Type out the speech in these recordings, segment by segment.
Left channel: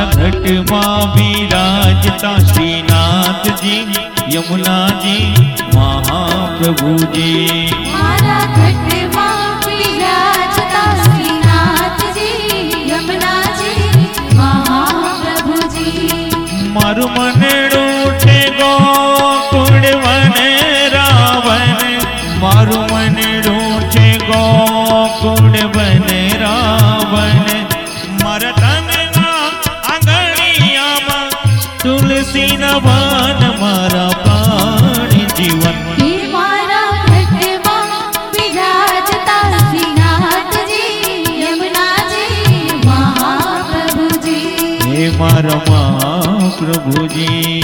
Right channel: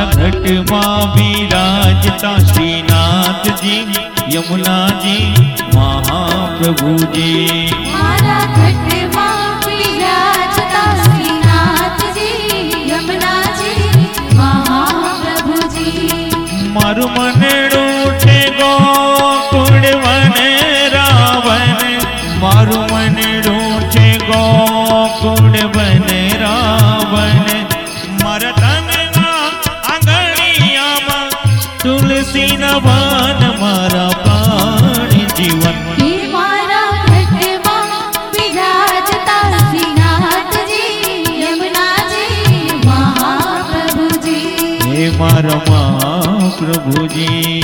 मारा घटમાં विराजता श्रीनाथजी यमुनाजी महाप्रभुजी मारा घटમાં વિરાજતા શ્રીનાથજી યમુનાજી મહાપ્રભુજી મારું મનડું છે ગોકુળ વન રાવણ મારું મનડું છે ગોકુળ વન રાવણ મારા તનના આંગણિયામાં તુલસી નવન મારા પ્રાણ જીવન હે મારા ઘટમાં વિરાજતા શ્રીનાથજી યમુનાજી મહાપ્રભુજી હે મારા મહાપ્રભુજી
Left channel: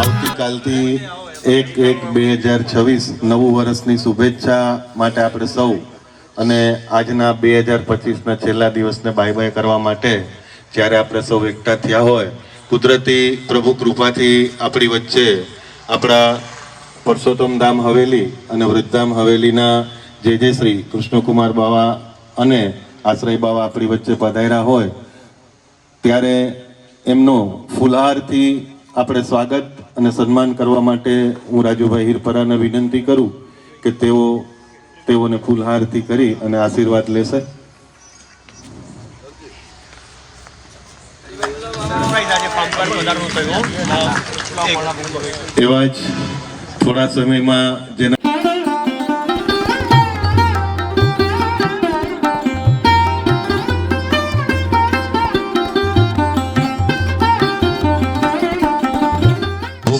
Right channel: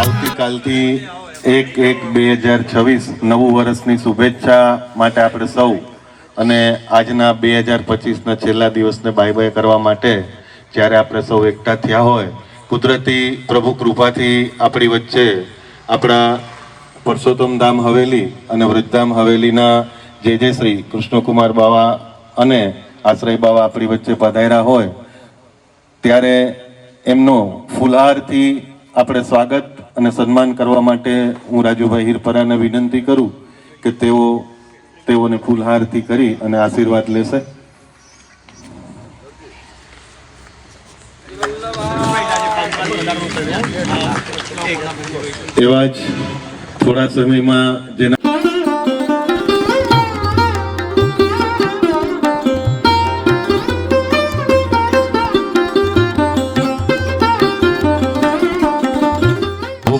આવતીકાલથી 1/1/2026 નવું વર્ષની શુભેચ્છા માટે આપણે સૌ અને આજના 2025ના છેલ્લા દિવસને બાય બાય કરવા માટે જ્યારે આપણે સૌ એકઠા થયા હોય કુદરતી પ્રભુ કૃપાથી આપણી વચ્ચે આપણા પુરુષોત્તમ ધામ હવેલી અને વૃદ્ધામ હવેલીના જે શ્રી કૃષ્ણકુમાર બાવા અને આશ્રય બાવા આપણી વચ્ચે પધાર્યા હોય ત્યારે એમનો ફુલહારથી આપણે સ્વાગત અને સન્માન કરવા માટે હું રાજુભાઈ હિરપરાને વિનંતી કરું કે તેઓને ફૂલહારથી કરી અને આશીર્વાદ લેશે. એવા જ થોડા સમયમાં જેના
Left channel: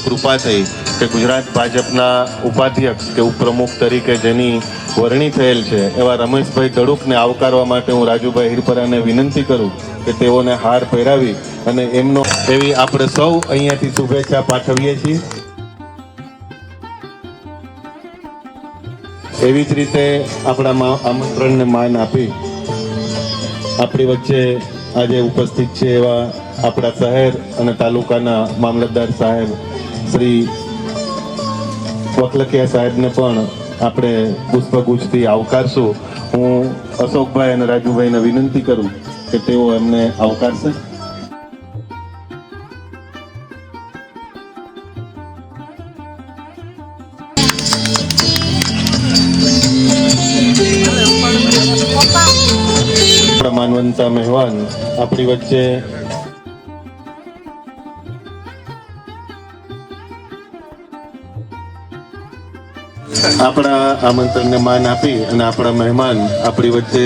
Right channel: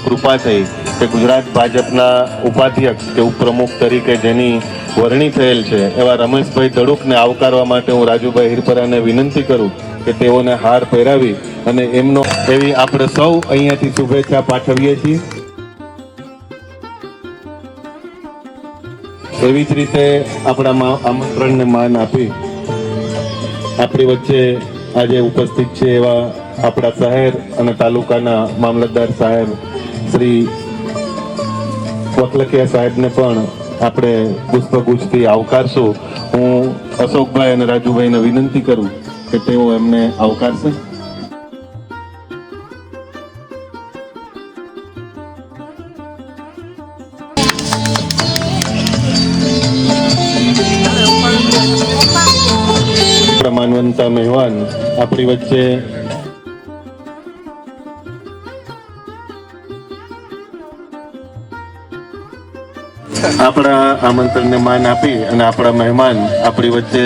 કૃપા થઈ કે ગુજરાત ભાજપના ઉપાધ્યક્ષ કે ઉપપ્રમુખ તરીકે જેની વરણી થયેલ છે એવા રમેશભાઈ તડુકને આવકારવા માટે હું રાજુભાઈ હિરપરાને વિનંતી કરું કે તેઓને હાર પહેરાવી અને એમનો એવી આપણે સૌ અહીંયાથી શુભેચ્છા પાઠવીએ છીએ. એવી જ રીતે આપણા આમંત્રણને માન આપી આપણી વચ્ચે આજે ઉપસ્થિત છે એવા આપણા શહેર અને તાલુકાના મામલતદાર સાહેબ શ્રી વકલકિયા સાહેબને પણ આપણે પુષ્પગુચ્છથી આવકારશું. હું અશોકભાઈ અને રાજુભાઈને વિનંતી કરું કે તેઓ એમને આવકારશે. માનવંતા મહેમાન આપણી વચ્ચે આપણા આમંત્રણને માન આપી અને આપણા મહેમાન આપણી વચ્ચે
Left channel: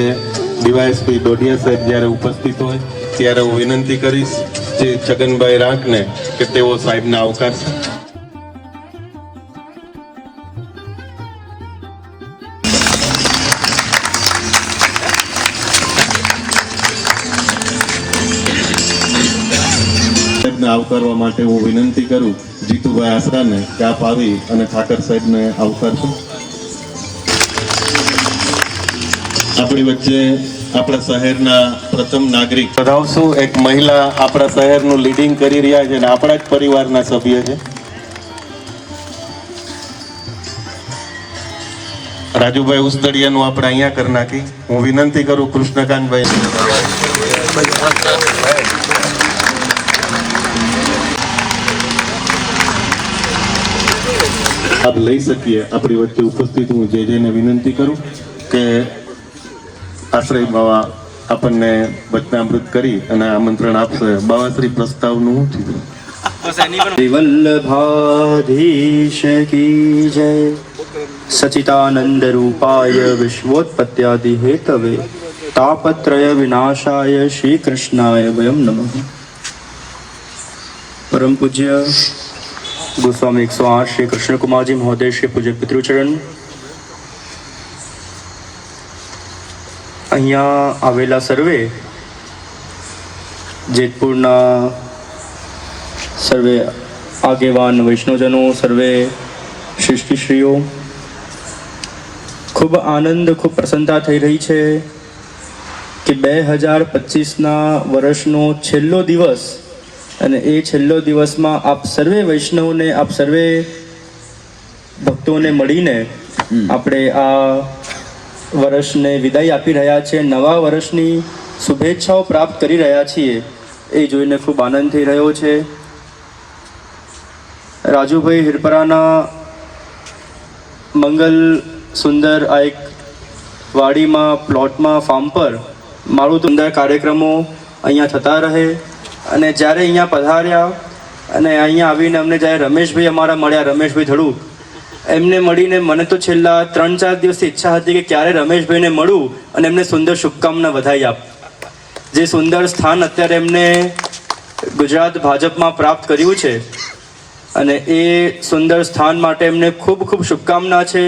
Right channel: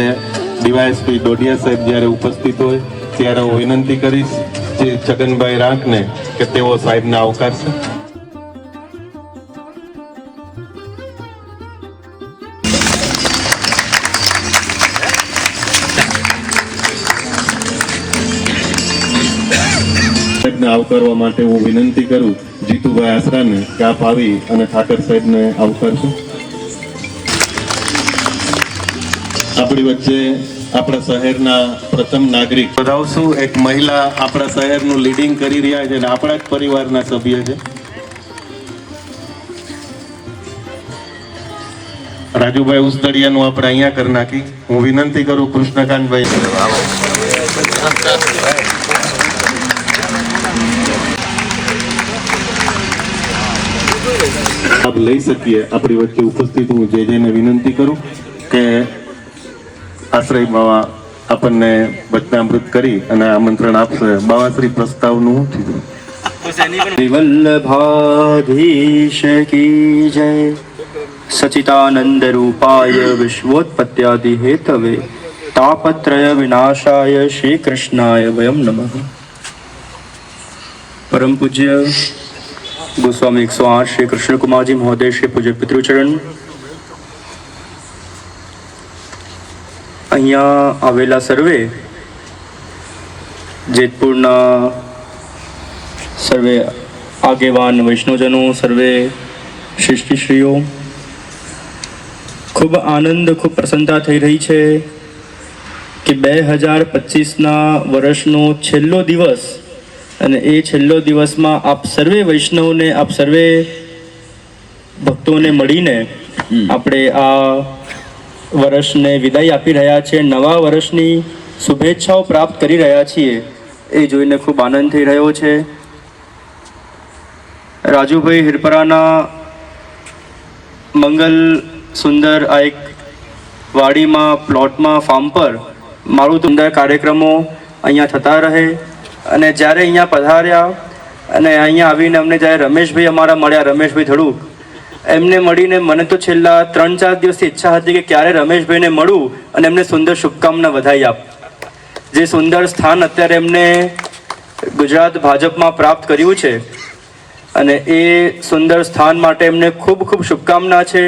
ડીવાયએસપી દોઢિયા સાહેબ જ્યારે ઉપસ્થિત હોય ત્યારે હું વિનંતી કરીશ શ્રી છગનભાઈ રાઠને કે તેઓ સાહેબને આવકારશે. સાહેબને આવકારવા માટે હું વિનંતી કરું જીતુભાઈ આસરાને કે આપ આવી અને ઠાકર સાહેબને આવકારશો. આપણી વચ્ચે આપણા શહેરના પ્રથમ નાગરિક બધાવશું એક મહિલા આપણા શહેરનું લીડિંગ કરી રહ્યા છે અને આપણા જ પરિવારના સભ્ય છે. રાજુભાઈ ઉસ્તડિયાનું આપણે અહીંયા કરી નાખી. હું વિનંતી કરું કૃષ્ણકાંતભાઈ આપ લઈ શકીએ. આપણી વચ્ચે ઉપસ્થિત હું જેને વિનંતી કરું કે આશ્રય બાવા આપણને વચનામૃત કરી અને આમંત્રણ આપશે. બાવાશ્રી પ્રસ્તાવનું વલ્લભાધીશ કી જય. સચિતાનંદ રૂપાય વિશ્વોત્પત્યાદિ હેતવે તાપત્રય વિનાશાય શ્રી કૃષ્ણાય વયમ નમઃ. પરમ પૂજ્ય गोस्वामी 108 श्री कृष्ण कुमार जी महोदय श्री पूज्य पितृचरण અહીંયા આવેલા સર્વે જેતપુરના સર્વે આગેવાન વૈષ્ણવજનો સર્વે શિષ્યશ્રીઓ ખૂબ આનંદ ખૂબ પ્રસન્નતા થઈ રહી છે કે 2025ના વર્ષનો છેલ્લો દિવસ, અને એ છેલ્લો દિવસમાં આપ સર્વે વૈષ્ણવને, આપ સર્વે ભક્તોને મળીને આપણે આ વર્ષને વિદાય આપી રહ્યા છીએ, નવા વર્ષની શુભેચ્છાઓ પ્રાપ્ત કરી રહ્યા છીએ, એ જોઈને ખૂબ આનંદ થઈ રહ્યો છે. રાજુભાઈ હિરપરાના મંગલ સુંદર આ એક વાડીમાં, પ્લોટમાં, ફાર્મ પર મારું સુંદર કાર્યક્રમો અહીંયા થતા રહે. અને જ્યારે અહીંયા પધાર્યા અને અહીંયા આવીને અમને જ્યારે રમેશભાઈ અમારા મળ્યા, રમેશભાઈ ધડુક, એમને મળીને મને તો છેલ્લા 3-4 દિવસથી ઈચ્છા હતી કે ક્યારે રમેશભાઈને મળું અને એમને સુંદર શુભકામના વધાઈ આપ. જે સુંદર સ્થાન અત્યારે એમને ગુજરાત ભાજપમાં પ્રાપ્ત કર્યું છે, અને એ સુંદર સ્થાન માટે એમને ખૂબ ખૂબ શુભકામના છે.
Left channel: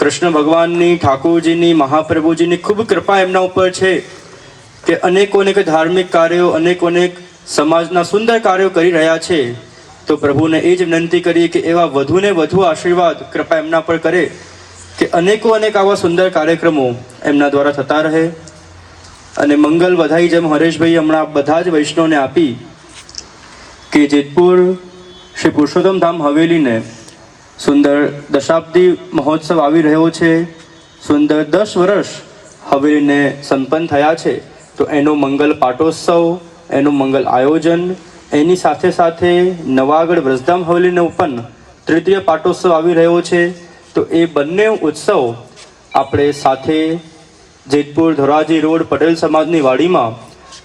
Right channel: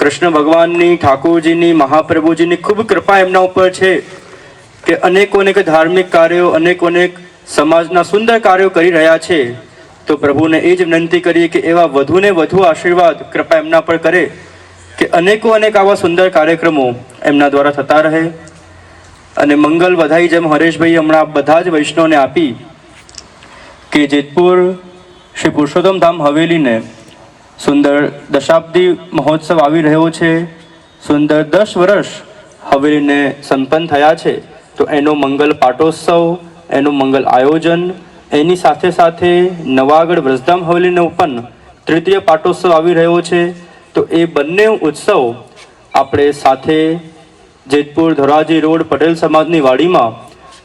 કૃષ્ણ ભગવાનની, ઠાકોરજીની, મહાપ્રભુજીની ખૂબ કૃપા એમના ઉપર છે કે અનેકો અનેક ધાર્મિક કાર્યો, અનેકો અનેક સમાજના સુંદર કાર્યો કરી રહ્યા છે. તો પ્રભુને એ જ વિનંતી કરીએ કે એવા વધુને વધુ આશીર્વાદ, કૃપા એમના પર કરે કે અનેકો અનેક આવા સુંદર કાર્યક્રમો એમના દ્વારા થતા રહે. અને મંગલ વધાઈ જેમ હરેશભાઈ હમણાં બધા જ વૈષ્ણવને આપી કે જેતપુર શ્રી પુરુષોત્તમ ધામ હવેલીને સુંદર દશાબ્દી મહોત્સવ આવી રહ્યો છે. સુંદર 10 વર્ષ હવેલીને સંપન્ન થયા છે. તો એનો મંગલ પાટોત્સવ, એનું મંગલ આયોજન, એની સાથે સાથે નવાગઢ વ્રજધામ હવેલીને પણ તૃતીય પાટોત્સવ આવી રહ્યો છે. તો એ બંને ઉત્સવ આપણે સાથે જેતપુર ધોરાજી રોડ પટેલ સમાજની વાડીમાં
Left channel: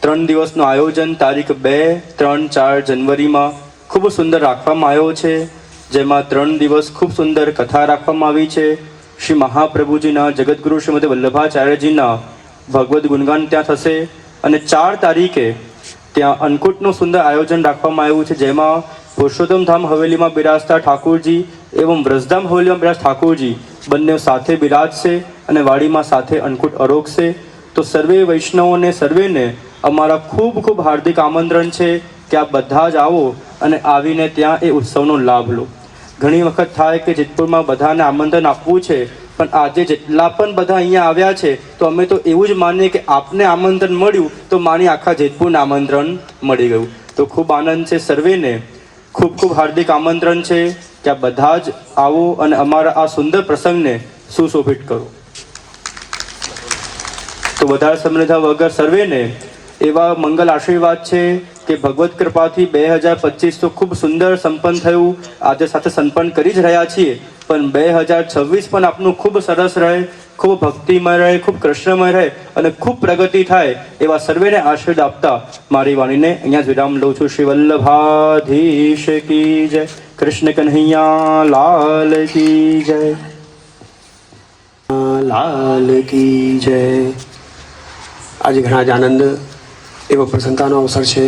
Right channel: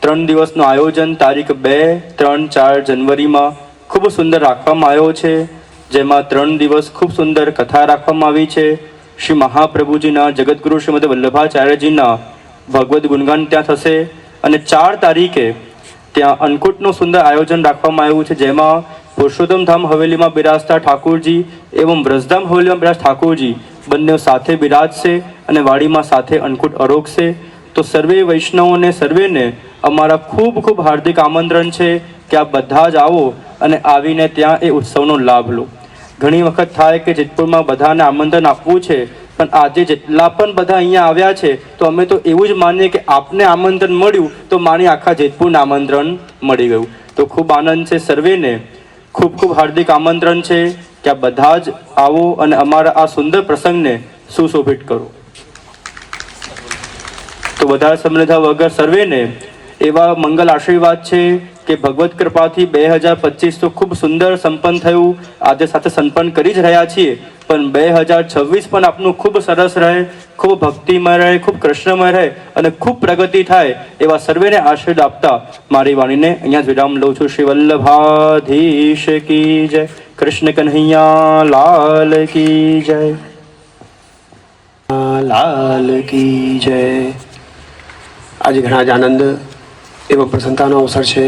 3 દિવસનું આયોજન તારીખ 2, 3, 4 જનવરીમાં ખૂબ સુંદર રાખવામાં આવ્યો છે. જેમાં 3 દિવસ ખૂબ સુંદર કથા રાખવામાં આવી છે. શ્રી મહાપ્રભુજીના, જગતગુરુ શ્રીમદ વલ્લભાચાર્યજીના ભગવદ્ ગુણગાન ત્યાં થશે. અને 4 તારીખે ત્યાં અન્નકૂટનું સુંદર આયોજન રાખવામાં આવ્યું છે, જેમાં પુરુષોત્તમ ધામ હવેલીમાં બિરાજતા ઠાકોરજી એવં વ્રજધામ હવેલીમાં બિરાજ ઠાકોરજી બંને સાથે બિરાજશે અને વાડીમાં સાથે અન્નકૂટ આરોગશે. તો સર્વે વૈષ્ણવોને, સર્વેને અમારા ખૂબ ખૂબ હાર્દિક આમંત્રણ છે કે આપ બધા જ આવો અને આવીને ત્યાં એ ઉત્સવનો લાભ લો. ઘણી વખત થાય કે જેતપુરમાં બધાને આમંત્રણ આપવું છે, પણ આજે જેટલા પણ બધા અહીંયા આવ્યા છે તો અમે તો એવું જ માનીએ કે આપને આમંત્રણ મળ્યું તો માની આખા જેતપુરને આમંત્રણ મળી ગયું. તો ખૂબ આનંદ છે. સર્વેને ખૂબ ખૂબ હાર્દિક આમંત્રણ છે કે આ બધા જ આવો અને અમારા આ સુંદર પ્રસંગને સુશોભિત કરો. તો વધારે સમૃદ્ધા વગર સર્વેને એવા મંગલ આશીર્વાદ છે કે ભગવત કૃપાથી 2025 તો ખૂબ સુંદર સંપન્ન થયું, આજે સાથે સંપન્ન કરી જ રહ્યા છીએ, પણ 2026 પણ આપનું ખૂબ સરસ રહે, ખૂબ ભક્તિમય રહે, ખૂબ કૃષ્ણમય રહે અને ખૂબ પ્રગતિ થાય એવા સર્વેને આશીર્વાદ આપતા મારી વાણીને અહીંયા જ વિરામ લઉં છું. શ્રી વલ્લભાધીશ કી જય, કૃષ્ણ કન્હૈયા લાલ કી જય, લાલ કી જય. આજે ઘણા જ આનંદ એવો પ્રસન્નતાનો અવસર છે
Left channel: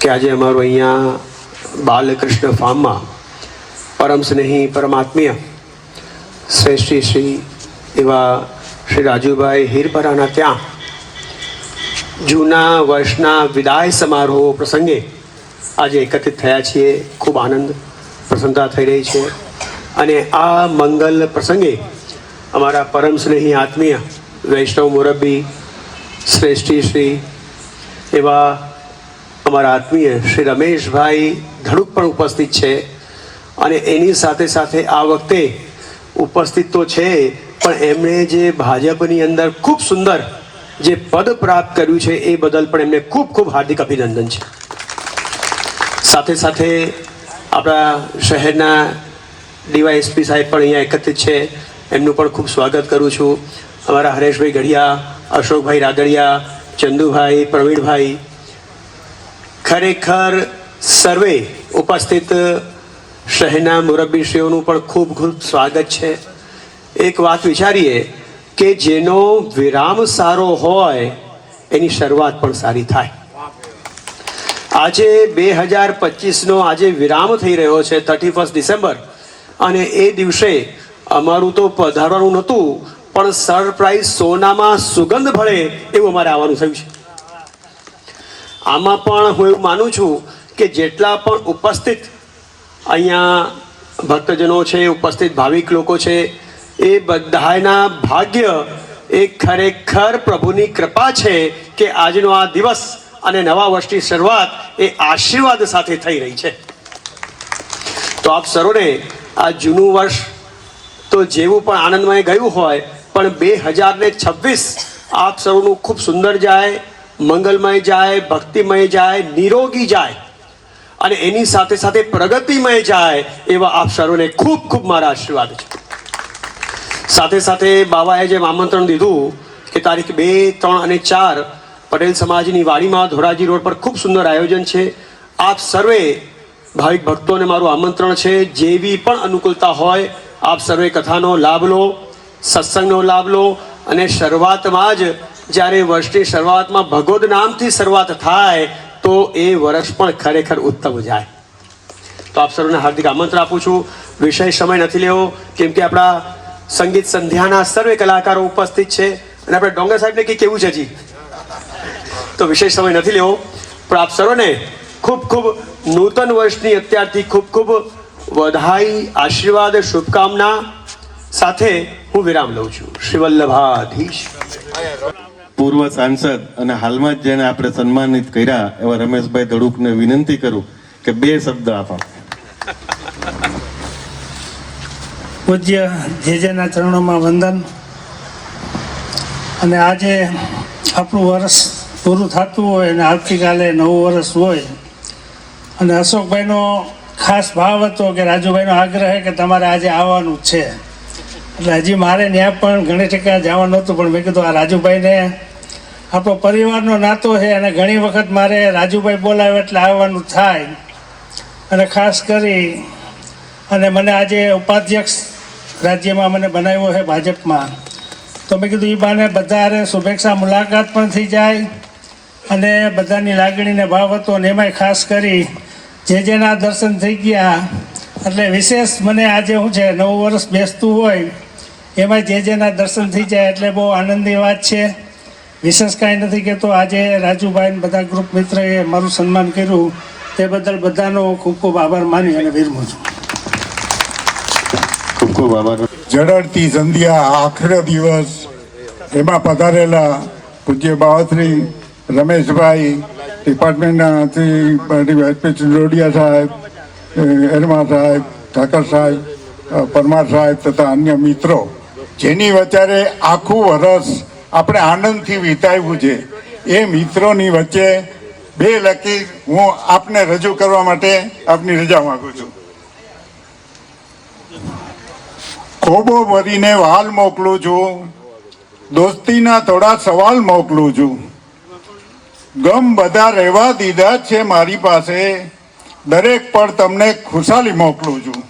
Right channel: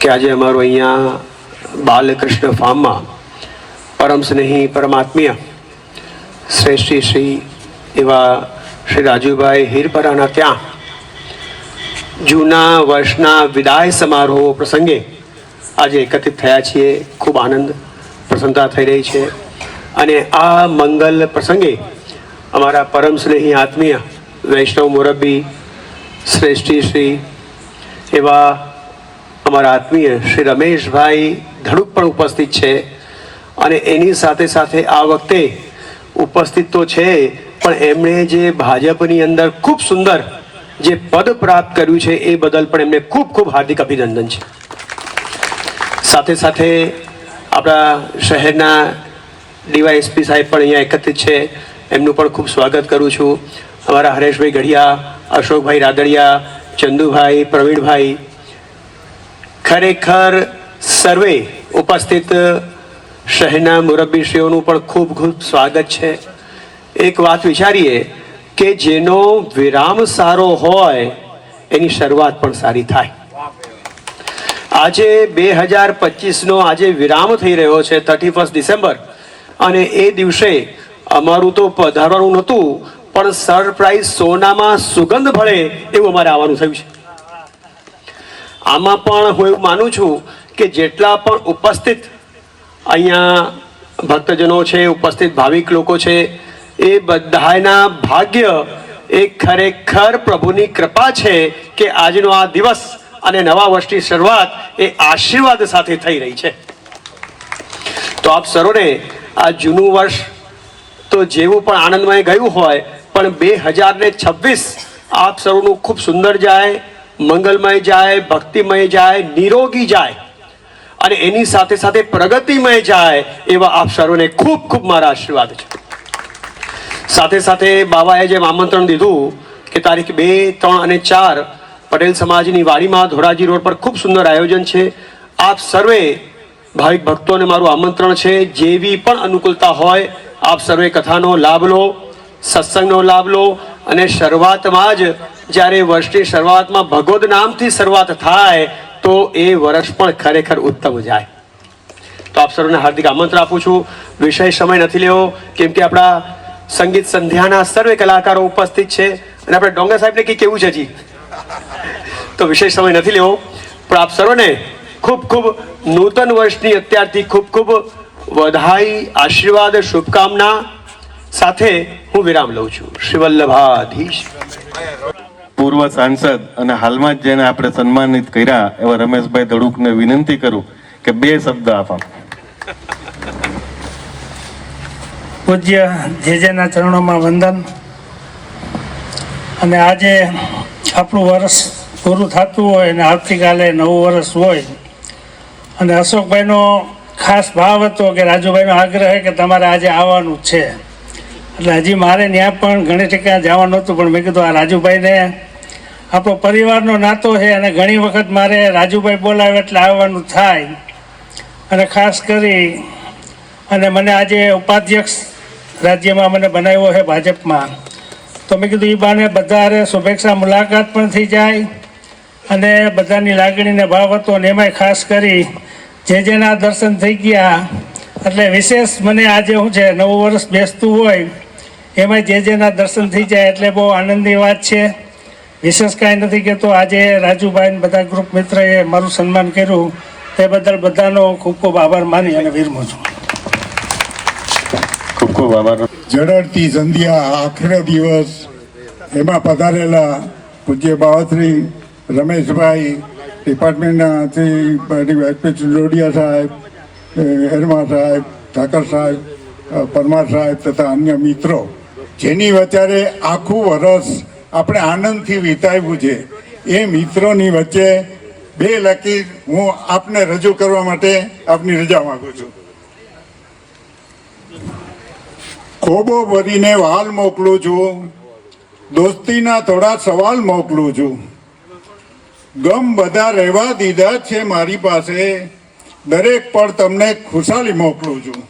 કે આજે અમારું અહીંયા બાલકૃષ્ણ ફાર્મમાં પરમ સ્નેહી, પરમાત્મીય શ્રેષ્ઠી શ્રી એવા શ્રી રાજુભાઈ હિરપરાના ત્યાં જૂના વર્ષના વિદાય સમારોહ પ્રસંગે આજે એકત્રિત થયા છીએ. ખૂબ આનંદ, પ્રસન્નતા થઈ રહી છે. અને આ મંગલ પ્રસંગે અમારા પરમ સ્નેહી આત્મીય વૈષ્ણવ મુરબ્બી શ્રેષ્ઠી શ્રી એવા અમારા આત્મીય શ્રી રમેશભાઈ ધડુક પણ ઉપસ્થિત છે. અને એની સાથે સાથે આ વખતે ઉપસ્થિત તો છે, પણ એમણે જે ભાજપની અંદર ખૂબ સુંદર જે પદ પ્રાપ્ત કર્યું છે એ બદલ પણ એમને ખૂબ ખૂબ હાર્દિક અભિનંદન છે. સાથે સાથે આપણા શહેરના ડીવાયએસપી સાહેબ પણ અહીંયા એકત્રિત છે, એમનું પણ ખૂબ સ્વાગત કરું છું. અમારા હરેશભાઈ ગઢિયા, અશોકભાઈ રાદડિયા, ચંદુભાઈ, પ્રવીણભાઈ, ખરેખર સર્વે ઉપસ્થિત શહેરના મુરબ્બીશ્રીઓનું પણ ખૂબ ખૂબ સ્વાગત છે. એક વાત વિચારીએ કે જેનો વિરામ સારો હોય એની શરૂઆત પણ સારી થાય. આજે 2025નો આજે વિરામ થઈ રહ્યો છે 31 ડિસેમ્બર, અને એ દિવસે અમારું તો પધારવાનું નહોતું, પણ સરપ્રાઈઝ સોનામાં સુગંધ ભળે એવું અમારે આવવાનું થયું છે. આમાં પણ હું એવું માનું છું કે જેટલા પણ ઉપસ્થિત અહીંયા ભક્તજનો છે, ઉપસ્થિત ભાવિક લોકો છે, એ બધાના ભાગ્ય એ ખરેખર પ્રભુની કૃપા છે કે આજનો આ દિવસ અને નવા વર્ષની શરૂઆત એ આશીર્વાદ સાથે થઈ રહી છે. તો આપ સર્વને આ જૂનું વર્ષ તો જેવું પણ આનંદમય ગયું હોય, પણ 2026 આપ સર્વનું ખૂબ સુંદર જાય, મંગલમય જાય, ભક્તિમય જાય, નિરોગી જાય અને એની સાથે સાથે પ્રગતિમય જાય એવા આપ સર્વને ખૂબ ખૂબ મારા આશીર્વાદ છે. સાથે સાથે બાબાએ જેમ આમંત્રણ દીધું કે તારીખ 2, 3 અને 4 પટેલ સમાજની વાડીમાં ધોરાજી રોડ પર ખૂબ સુંદર આયોજન છે. આપ સર્વે ભાવિક ભક્તોને મારું આમંત્રણ છે, જેવી પણ અનુકૂળતા હોય આપ સર્વે કથાનો લાભ લો, સત્સંગનો લાભ લો અને શરૂઆતમાં જ જ્યારે વર્ષની શરૂઆતમાં ભગવદ નામથી શરૂઆત થાય તો એ વર્ષ પણ ખરેખર ઉત્તમ જાય. તો આપ સર્વને હાર્દિક આમંત્રણ આપું છું. વિષય સમય નથી લેવો કેમ કે આપણા સંગીત સંધ્યાના સર્વે કલાકારો ઉપસ્થિત છે અને આપણે ડોંગર સાહેબને કંઈ કેવું છે જી, તો વિશેષ સમય નથી લેવો. પણ આપ સર્વને ખૂબ ખૂબ નૂતન વર્ષની અત્યારથી ખૂબ ખૂબ વધાઈ, આશીર્વાદ, શુભકામના સાથે હું વિરામ લઉં છું. શ્રી વલ્લભાધીશ. પૂર્વ સાંસદ અને હાલમાં જ જેને આપણે સન્માનિત કર્યા એવા રમેશભાઈ ધડુકને વિનંતી કરું કે 2 શબ્દ આપો. પૂજ્ય જેજેના ચરણોમાં વંદન. અને આજે આપણું વર્ષ પૂરું થતું હોય અને આવતીકાલે નવું વર્ષ હોય અને અશોકભાઈનો ખાસ ભાવ હતો કે રાજુભાઈનો આગ્રહ કે તમારે આજે આવવાનું છે, એટલે હજી મારે ત્યાં પણ ઘણી ઠેકાણે જવાનું હતું, પણ મેં કીધું આ રાજુભાઈને આપણો પરિવારનો નાતો છે અને ઘણી વખત મારે રાજુભાઈ બોલાવે એટલે આવવાનું થાય. અને ખાસ કરી અને મને આજે ઉપાધ્યક્ષ રાજ્યમાં મને બનાવ્યો છે ભાજપમાં, તો મેં કીધું એ બાને બધા શુભેચ્છા મુલાકાત પણ થઈ જાય અને બધાની લાગણીને ભાવ હતો. અને એમાંય ખાસ કરી જેના દર્શન થઈ ગયા એટલે વિશેષ મને આજે શું છે, નવું વર્ષ બેસતું હોય એમાં જેના દર્શન થઈ જાય એટલે બહુ આનંદની વાત છે. વિશેષ કાંઈ નથી કહેતો. આજે રાજુભાઈ બધા ગ્રુપ મિત્રએ મારું સન્માન કર્યું તે બદલ બધાનો ખૂબ ખૂબ આભાર માની અને વિરમું છું. ખૂબ ખૂબ આભાર. ઝળહળતી સંધ્યા, આખરો દિવસ, એમાં પધારેલા પૂજ્ય બાવાશ્રી રમેશભાઈ, ડિપાર્ટમેન્ટના શ્રી લોડિયા સાહેબ, એરમા સાહેબ, ઠાકર સાહેબ, પરમાર સાહેબ તથા અન્ય મિત્રો, જેની વચ્ચે આખું વર્ષ આપણે આનંદથી વિતાવ્યું છે, એ મિત્રોની વચ્ચે 2 લકીર હું આપને રજૂ કરવા માટે આપની રજા માગું છું. ખોબો ભરીને વાલ મોકલું છું, દોસ્તીના થોડા સવાલ મોકલું છું. ગમ બધા રહેવા દીધા છે મારી પાસે, દરેક પર તમને ખુશાલી મોકલું છું.